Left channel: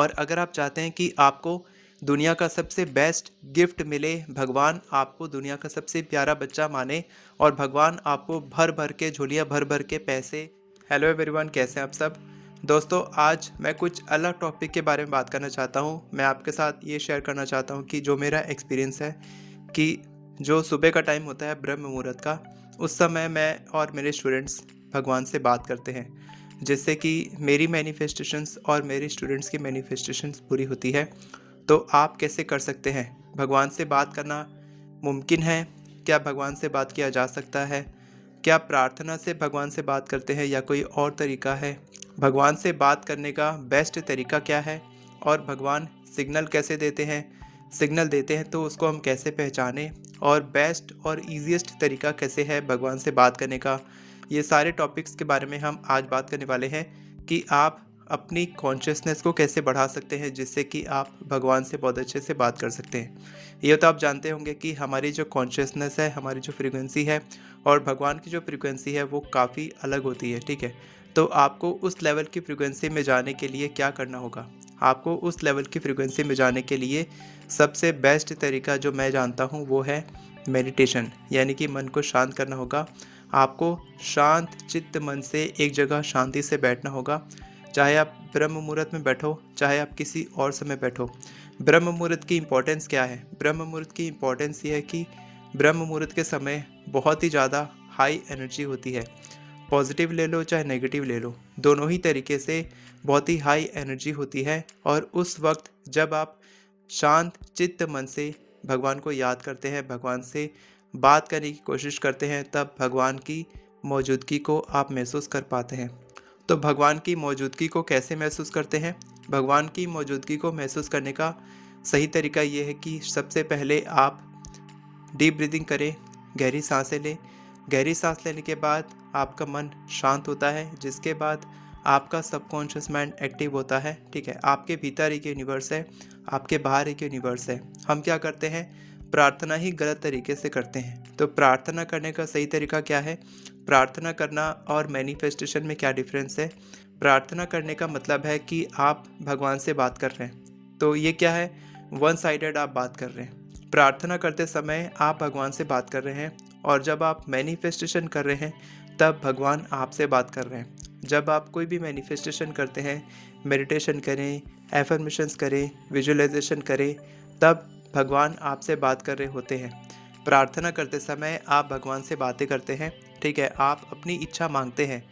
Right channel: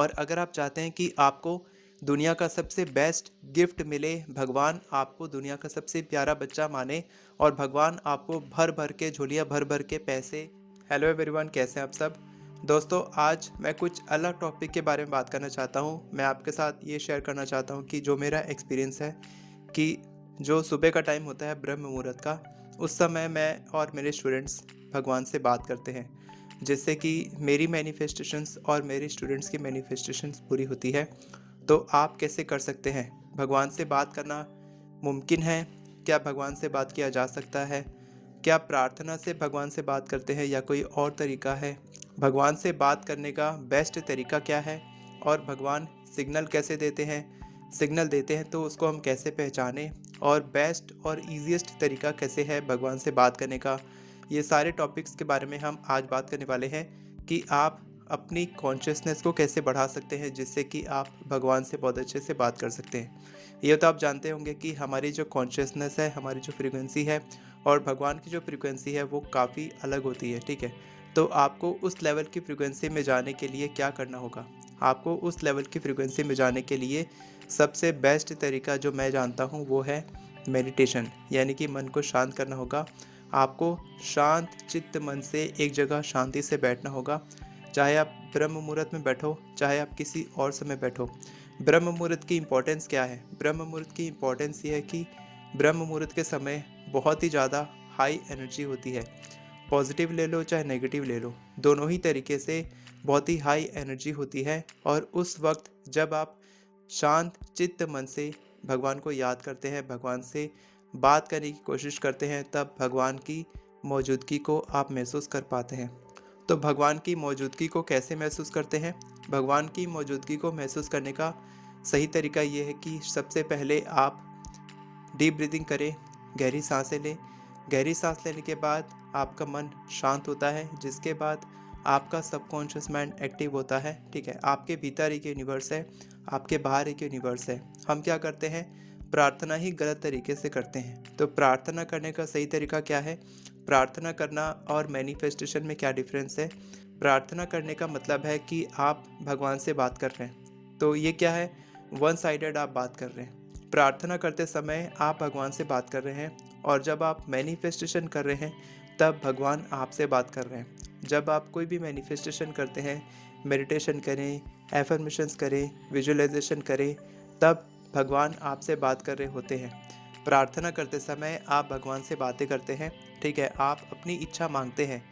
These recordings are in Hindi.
और अगर आप चाहते हैं कि आपको दुनिया का सबसे बेस्ट गिफ्ट मिले, भगवान आपको दुनिया का सबसे प्यारा बच्चा माने और भगवान आपको भर भर के झोलियाँ भर भर के पैसे। हेलो एवरीवन, कैसे हैं आप सब। दोस्तों, आज मैं कुछ अलग टॉपिक के बारे में बात करना चाहता हूँ। मैं आपके साथ ये शेयर करना चाहता हूँ कि जो मेरा एक्सपीरियंस है कि जो सुबह का टाइम होता है ब्रह्म मुहूर्त का, उस समय मैं और मेरे स्टूडेंट्स भगवान से बात करते हैं, जिससे कि मेरी मैनिफेस्टेशंस और मेरे स्टूडेंट्स की मैनिफेस्टेशंस पूरी होती है। तो आप कैसे कर सकते हैं? भगवान से बात करना मुमकिन है? क्या भगवान से बात किया जा सकता है? क्या प्रार्थना से भगवान से बात करते हैं या कोई और तरीका है? भगवान से बात करने का बेस्ट तरीका क्या है? और भगवान सिग्नल कैसे देते हैं? सिग्नल देते हैं तो उसको हम कैसे पहचानें? और बेस्ट और ईज़ीएस्ट तरीका कैसे है भगवान से बात करने का? ये सारे टॉपिक्स के बारे में हम आज बात करने वाले हैं कि आप अपनी कॉन्शियसनेस को कैसे बढ़ा सकते हैं, जिससे कि आप भगवान से बहुत अच्छे से बात कर सकते हैं। ये तो आप जानते होंगे कि हमारी जो कॉन्शियसनेस है, हमारी जो फ्रीक्वेंसी है और भगवान की जो फ्रीक्वेंसी है वो काफ़ी अलग होती है, ठीक है। तो आपको उस लेवल की फ्रीक्वेंसी में जाने के लिए क्या करना होगा? आपको उस लेवल की फ्रीक्वेंसी में जाने के लिए सबसे बेस्ट तरीका जो मैं जानता हूँ वो है मेडिटेशन, यानी कि मन को शांत करना होगा। आपको शांत चित्त मन से एक जगह शांति से बैठना होगा। चाहे आप ब्रह्म मुहूर्त में बैठो, चाहे आप किसी और समय बैठो। ब्रह्म मुहूर्त की इम्पोर्टेंस क्या है? ब्रह्म मुहूर्त की इम्पोर्टेंस ये है कि ब्रह्म मुहूर्त के समय बहुत ही ज़्यादा हाई एनर्जी होती है। पॉजिटिव ले लो चाहे नेगेटिव ले लो, दोनों ही तरीके से बहुत ही हाई एनर्जी होती है। और उस वक्त जब आप शांत चित्त मन से भगवान को याद करते हैं, भगवान से बात करने की कोशिश करते हैं, तब भगवान की मौजूदगी को आप महसूस कर पाते हैं। तो भगवान की मौजूदगी को कैसे महसूस करते हैं? भगवान की मौजूदगी को महसूस करने का सही तरीका ये है कि सबसे पहले आप डीप ब्रीदिंग करें, गहरी सांसें लें। गहरी सांस लेने के बाद आपका मन शांत होता है, जिसके बाद आपका सबकॉन्शियस माइंड एक्टिव होता है, ठीक है। आपके भीतर एक यूनिवर्स है, आपके बाहर एक यूनिवर्स है। हम क्या करते हैं? प्रार्थना ही गलत तरीके से करते हैं। तो प्रार्थना करने का सही तरीका क्या है? प्रार्थना करना और मैनिफेस्टेशन में क्या डिफरेंस है? प्रार्थना करने का मतलब है कि आप भगवान से बात कर रहे हैं। तो ये क्या है? वन साइडेड आप बात कर रहे हैं। प्रार्थना करते समय आप भगवान से बात कर रहे हैं, और जब आप मैनिफेस्टेशन कर रहे हैं तब भगवान आपसे बात कर रहे हैं। जब आप कोई भी मैनिफेस्टेशन करते हैं, मेडिटेशन करें, एफर्मेशंस करें, विजुअलाइजेशन करें, तब भगवान आपसे बात कर रहे होते हैं। प्रार्थना करते समय आप भगवान से बातें करते हैं, ठीक है, आप अपनी इच्छा मांगते हैं।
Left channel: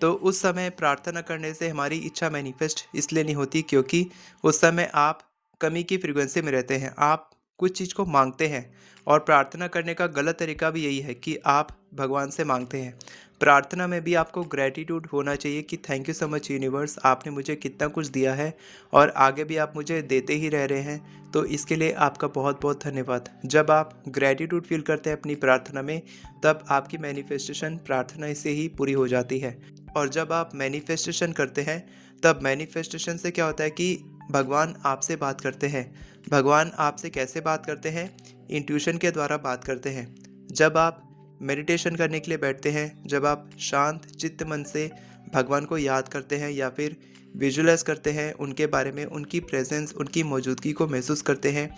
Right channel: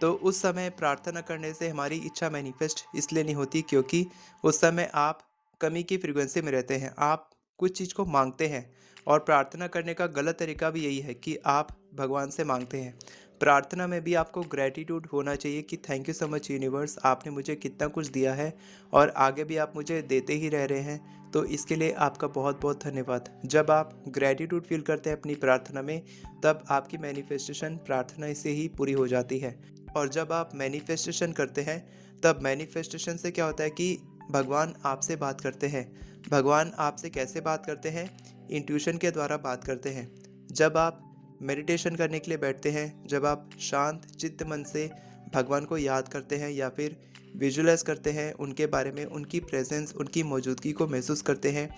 तो उस समय प्रार्थना करने से हमारी इच्छा मैनिफेस्ट इसलिए नहीं होती क्योंकि उस समय आप कमी की फ्रीक्वेंसी में रहते हैं, आप कुछ चीज़ को मांगते हैं। और प्रार्थना करने का गलत तरीका भी यही है कि आप भगवान से मांगते हैं। प्रार्थना में भी आपको ग्रैटिट्यूड होना चाहिए कि thank you so much universe, आपने मुझे कितना कुछ दिया है और आगे भी आप मुझे देते ही रह रहे हैं, तो इसके लिए आपका बहुत बहुत धन्यवाद। जब आप ग्रैटिट्यूड फील करते हैं अपनी प्रार्थना में, तब आपकी मैनिफेस्टेशन प्रार्थना से ही पूरी हो जाती है। और जब आप मैनिफेस्टेशन करते हैं, तब मैनिफेस्टेशन से क्या होता है कि भगवान आपसे बात करते हैं। भगवान आपसे कैसे बात करते हैं? इंट्यूशन के द्वारा बात करते हैं। जब आप मेडिटेशन करने के लिए बैठते हैं, जब आप शांत चित्त मन से भगवान को याद करते हैं या फिर विजुअलाइज करते हैं उनके बारे में, उनकी प्रेजेंस, उनकी मौजूदगी को महसूस करते हैं,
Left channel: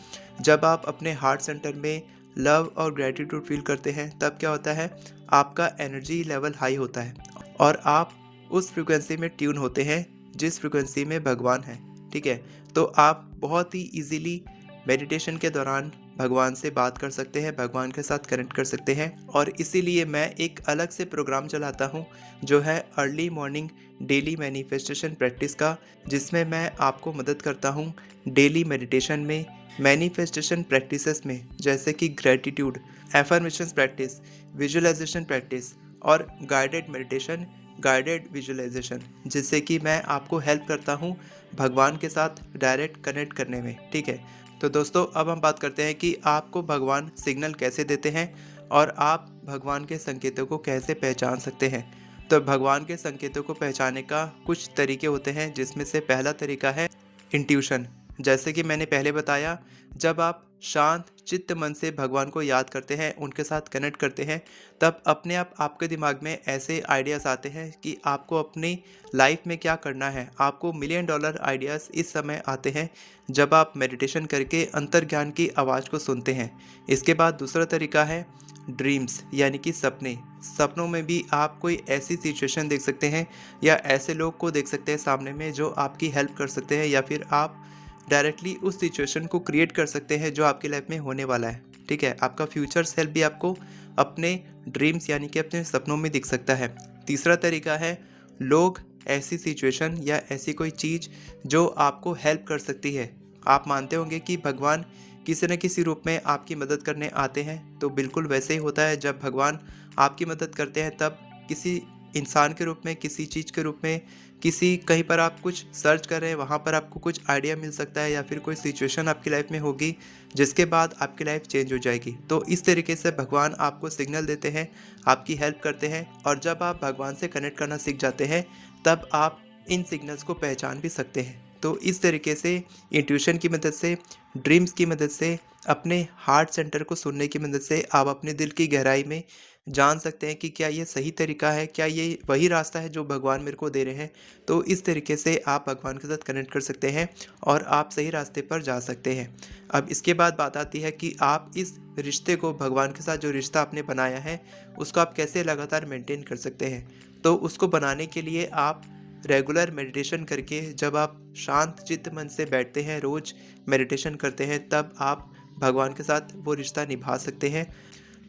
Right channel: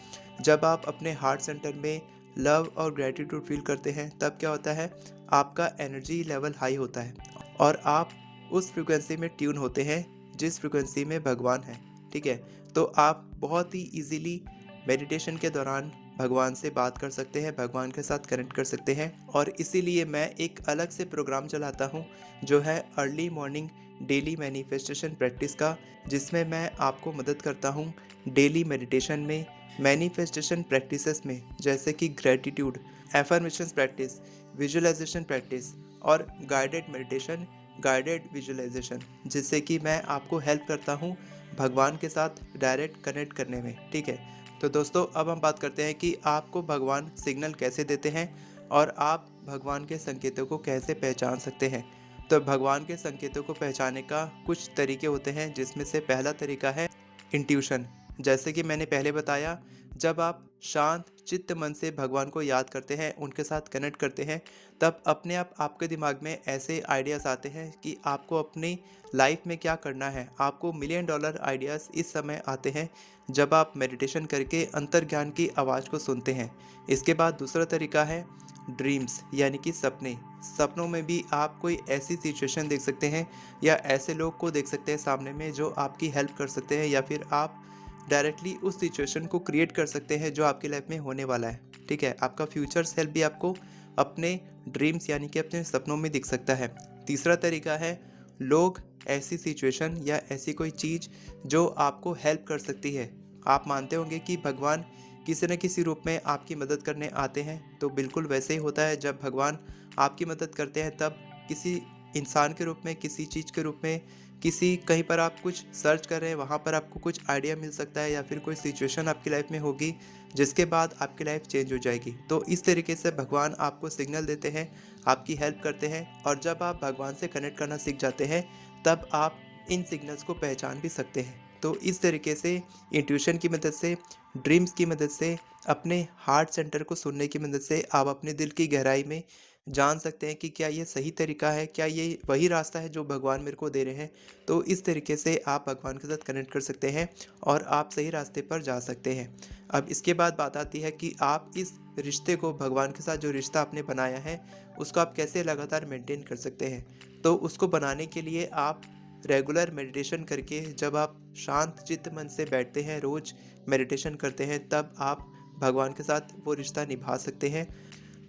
जब आप अपने हार्ट सेंटर में लव और ग्रैटिट्यूड फील करते हैं, तब क्या होता है? आपका एनर्जी लेवल हाई होता है और आप उस फ्रिक्वेंसी में ट्यून होते हैं जिस फ्रिक्वेंसी में भगवान है, ठीक है। तो आप बहुत ही इजीली मेडिटेशन के दौरान भगवान से बात कर सकते हैं, भगवान के साथ कनेक्ट कर सकते हैं। और इसीलिए मैं एक अलग से प्रोग्राम चलाता हूँ जो है early morning daily manifestation practice का, जिसमें मैं आपको मदद करता हूँ डेली मेडिटेशन में, मैनिफेस्टेशन प्रैक्टिसेस में, जैसे कि gratitude, affirmations practice, visualization practice और गाइडेड मेडिटेशन, गाइडेड विजुअलाइजेशन, जिससे कि मैं आपको हेल्प करता हूँ भगवान के साथ डायरेक्ट कनेक्ट करने में, ठीक है। तो दोस्तों, अब हम बात करते हैं कि आपको भगवान सिग्नल कैसे देते हैं और आप भगवान के संकेतों को कैसे पहचान सकते हैं। तो भगवान के संकेतों को पहचानने का कुछ तरीके होते हैं, जिसमें से पहला तरीका है इंट्यूशन। जैसे कि मैंने पहले बताया, जब आप शांत चित्त मन से भगवान को याद करते हैं, उनके साथ कनेक्ट करते हैं, तब अपने आप आपके दिमाग में ऐसे आइडियाज़ आते हैं कि आपको अपनी लाइफ में क्या करना है। आपको मिलियन डॉलर आइडियाज़ इस समय आते हैं जब आप मेडिटेशन करके अंतर्ज्ञान की आवाज़ को सुनते हैं। इसके बाद दूसरा तरीका है ड्रीम्स, यानी कि सपने। सपनों में भी आप कोई ऐसी सिचुएशन देख सकते हैं या ऐसे लोग को देख सकते हैं सामने में जो आपकी हेल्प कर सकते हैं, या फिर आप डायरेक्टली उस सिचुएशन को क्रिएट कर सकते हैं जो आपकी लाइफ में होने वाला है। ठीक है, आपका फ्यूचर सेल्फ भी आपको अपने ड्रीम्स यानी कि अपने सपनों में दिख सकता है। तीसरा तरीका है लोग, ऐसी सिचुएशन या ऐसी कोई चीज़ जो आपको हेल्प कर सकती है। आप मानते होंगे कि भगवान किसी न किसी रूप में आपकी मदद करने आते हैं, तो बिल्कुल वैसे ही होता है। जब भगवान आपकी मदद करते हैं तब किसी इंसान के रूप में, किसी चीज़ के रूप में, किसी कहीं पर आप कुछ सर्च कर रहे हैं वहाँ पर आपको कुछ आइडिया मिल सकता है, या फिर कोई सिचुएशन आपकी लाइफ में होगी जिसके बाद आपकी लाइफ चेंज हो जाएगी। तो इस तरीके से भगवान आपको सिग्नल देते हैं, आपकी हेल्प करते हैं, और जब आप भगवान से कनेक्ट करना सीख जाते हैं तब आप इन सिग्नल्स को पहचान भी सकते हैं। तो इस तरीके से इंट्यूशन की मदद से, ड्रीम्स की मदद से, अपने हार्ट सेंटर को सुनने की मदद से आप अपने दिल की गहराई में जान सकते हैं कि क्या ये सही तरीका है, क्या ये वही रास्ता है जो भगवान मेरे को दे रहे हैं। तो इस तरीके से आप भगवान के साथ कनेक्ट कर सकते हैं और आप सही रास्ते पर जा सकते हैं। अब इसके बाद बात आती है कि आप इस रिश्ते को, भगवान के साथ जो रिश्ता आपने बनाया है, उसको आप कैसे लगातार मेंटेन कर सकते हैं। तो उसको बनाने के लिए आप रेगुलर मेडिटेशन करके, जब आप शांत चित्त मन से बैठते हैं, रोज़ मेडिटेशन करते हैं, तब आप भगवान के साथ वो रिश्ता निभा सकते हैं।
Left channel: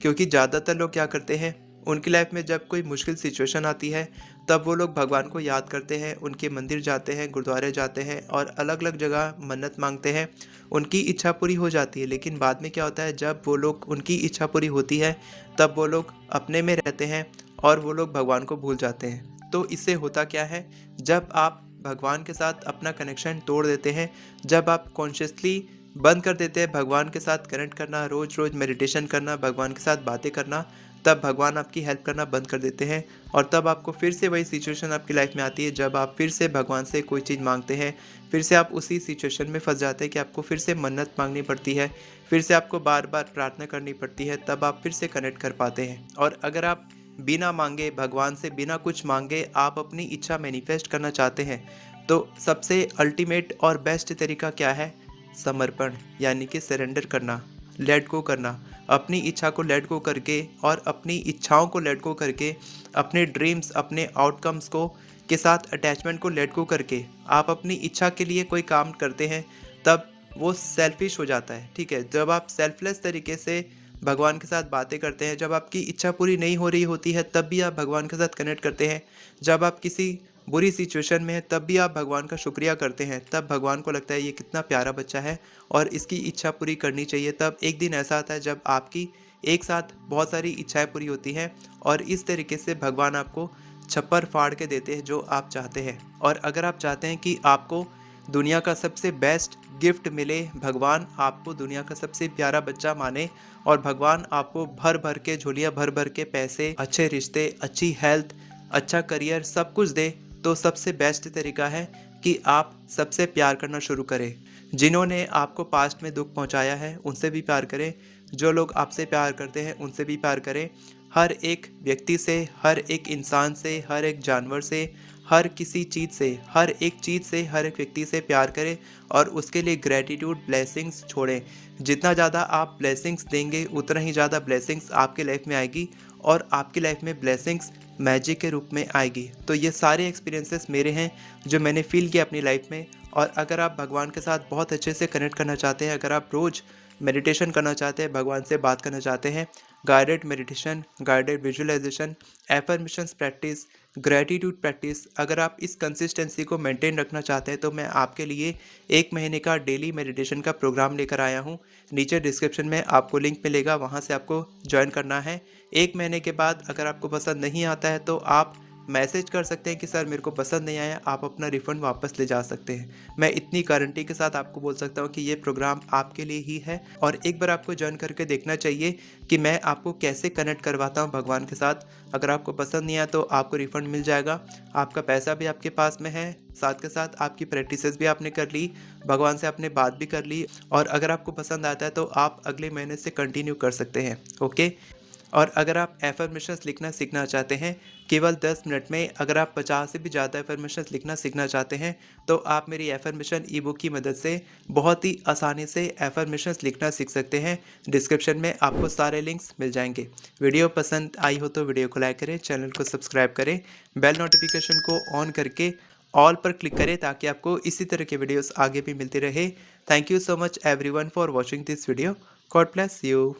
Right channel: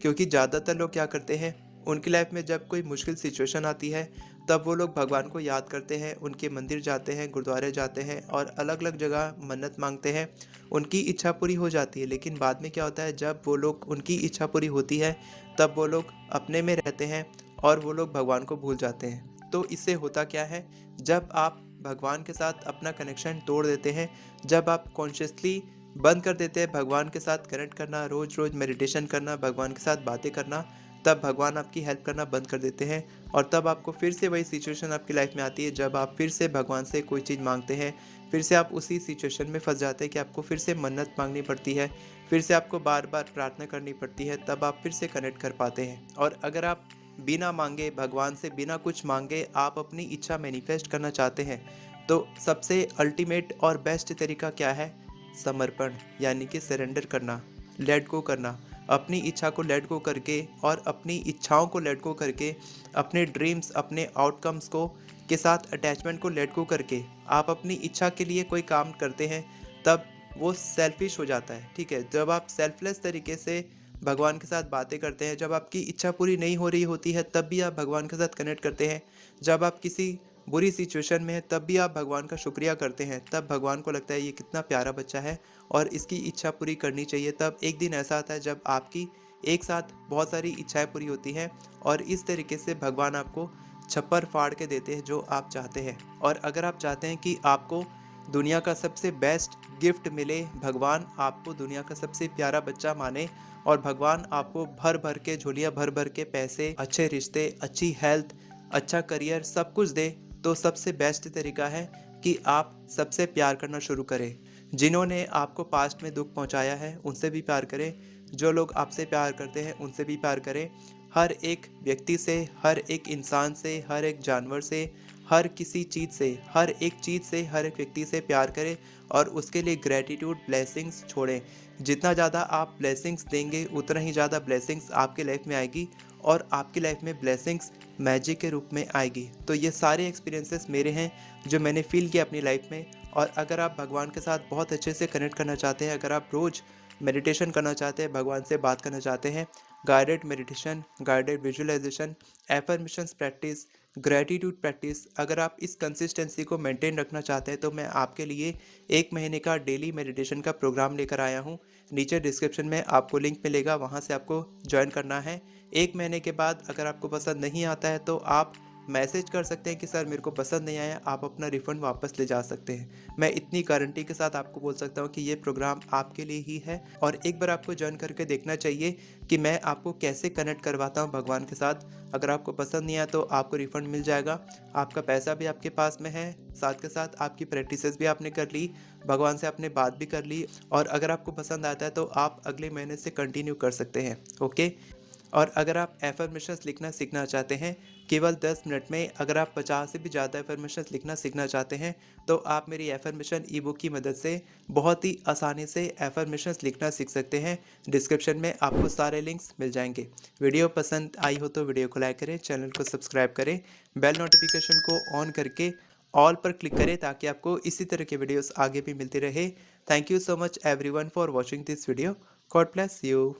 क्योंकि ज़्यादातर लोग क्या करते हैं, उनकी लाइफ में जब कोई मुश्किल सिचुएशन आती है तब वो लोग भगवान को याद करते हैं, उनके मंदिर जाते हैं, गुरुद्वारे जाते हैं और अलग अलग जगह मन्नत मांगते हैं। उनकी इच्छा पूरी हो जाती है, लेकिन बाद में क्या होता है, जब वो लोग, उनकी इच्छा पूरी होती है तब वो लोग अपने में रहते हैं और वो लोग भगवान को भूल जाते हैं। तो इससे होता क्या है, जब आप भगवान के साथ अपना कनेक्शन तोड़ देते हैं, जब आप कॉन्शियसली बंद कर देते हैं भगवान के साथ कनेक्ट करना, रोज रोज मेडिटेशन करना, भगवान के साथ बातें करना, तब भगवान आपकी हेल्प करना बंद कर देते हैं। और तब आपको फिर से वही सिचुएशन आपकी लाइफ में आती है जब आप फिर से भगवान से कोई चीज़ मांगते हैं, फिर से आप उसी सिचुएशन में फंस जाते हैं कि आपको फिर से मन्नत मांगनी पड़ती है, फिर से आपको बार बार प्रार्थना करनी पड़ती है, तब आप फिर से कनेक्ट कर पाते हैं। और अगर आप बिना मांगे, भगवान से बिना कुछ मांगे आप अपनी इच्छा मैनिफेस्ट करना चाहते हैं, तो सबसे अल्टीमेट और बेस्ट तरीका क्या है, समर्पण, यानी कि सरेंडर करना, लेट गो करना। अपनी इच्छा को लेट गो करके और अपनी इच्छाओं को लेट गो करके, अपने ड्रीम्स, अपने आउटकम्स को के साथ अटैचमेंट को लेट गो करके आप अपनी इच्छा के लिए कोई काम करते हैं, तब वो सेल्फिश हो जाता है। ठीक है, जब आप सेल्फलेस तरीके से भगवान के साथ बातें करते हैं, जब आपकी इच्छा पूरी नहीं हो रही होती है तब भी आप भगवान के साथ कनेक्ट करते हैं, जब आप किसी बुरी सिचुएशन में है तब भी आप भगवान का शुक्रिया करते हैं, तब भगवान को लगता है ये कितना प्यारा बच्चा है और इसकी इच्छा पूरी करनी चाहिए। तब एक दिन ऐसा आता है जब आपकी एक साथ बहुत सारी इच्छाएं पूरी होती हैं, और इस तरीके से भगवान आपको छप्पर फाड़ के देते हैं जो आप चाहते हैं। और अगर आप चाहते हैं कि आपको दुनिया का सबसे बेस्ट गिफ्ट मिले, भगवान आपको दुनिया का सबसे प्यारा बच्चा माने, और भगवान आपको भर भर के झोलियाँ भर भर के पैसे, अच्छे रिश्ते, अच्छी हेल्थ, अच्छा करियर, सब कुछ दे, तो सबसे बेस्ट तरीका है कि आप सबसे प्यार करना शुरू करें। जिन्होंने आपको पास्ट में दुख पहुंचाया है उनसे भी प्यार करें, जो लोग आपसे प्यार करते हैं उनसे भी प्यार करें। हर एक व्यक्ति से, हर एक इंसान से, हर एक जानवर से, हर किसी चीज़ से, हर एक चीज़ से, हर एक व्यक्ति से प्यार करें और उसके लिए ग्रेटिट्यूड, ब्लेसिंग्स छोड़ें। जितना ज़्यादा आप ब्लेसिंग्स देंगे उतना ही ज़्यादा ब्लेसिंग्स आपकी लाइफ में आएगी, और आपकी लाइफ में ब्लेसिंग्स मैजिक के रूप में आएगी। तो ये सारे एक्सपीरियंसेस मेरे हैं जो मैंने फील किया अपनी लाइफ में। और अगर आप भगवान के साथ बहुत अच्छे से कनेक्ट करना चाहते हैं, अगर आप रोज़ मेडिटेशन करना चाहते हैं, भगवान से बात करना चाहते हैं, guided meditation, guided visualization, affirmations practice, gratitude practice, अगर आप इस कंसिस्टेंसी को मेंटेन रखना चाहते हैं तो मैं आपके लिए 1 महीने का डेली मेडिटेशन का प्रोग्राम लेकर आया हूँ। नीचे डिस्क्रिप्शन में आपको लिंक मिलेगा, वहाँ से आपको ज्वाइन करना है। 1 महीने के बाद अगर आपको पसंद नहीं आता है तो आप मैसेज कर सकते हैं कि सर मेरे को पसंद नहीं आया, आप अपना रिफ़ंड वापस ले जा सकते हैं। मैं इतनी गारंटी के साथ आपको बोल सकता हूँ कि ये प्रोग्राम आपके लिए ही है और एक बार आपको जॉइन करके देखना चाहिए कि मैं आपको कैसे कनेक्ट करवाता हूँ भगवान के साथ। अगर आपको पसंद नहीं आया तो आपको रिफ़ंड मिल जाएगा, आपका पैसा भी आपके पास में है, साथ के साथ आपकी प्रैक्टिसेस भी आपने कर ली, भगवान से आपने बात भी कर ली और अगर आपको पसंद आता है तो आप अगले महीने से कंटिन्यू कर सकते हैं, ओके? और अगर आप एफर्मेशंस लिखना सीखना चाहते हैं, केवल 10 मिनट में अगर आप 50 से भी ज़्यादा एफर्मेशंस लिखना सीखना चाहते हैं, तो आप मेरी एफर्मेशन ई-बुक की मदद से बहुत ही आसानी से एफर्मेशंस लिखना सीख सकते हैं। डिस्क्रिप्शन में आपको सारे लिंक्स मिल जाएँगे। वीडियो पसंद आई हो तो वीडियो को लाइक करें, चैनल को सब्सक्राइब करें, बेल नोटिफिकेशन को ऑन करके ऑल पर क्लिक करें ताकि आपको इसी तरह के वीडियोस आगे भी मिलते रहे। Thank you so much everyone for watching this video. God bless you.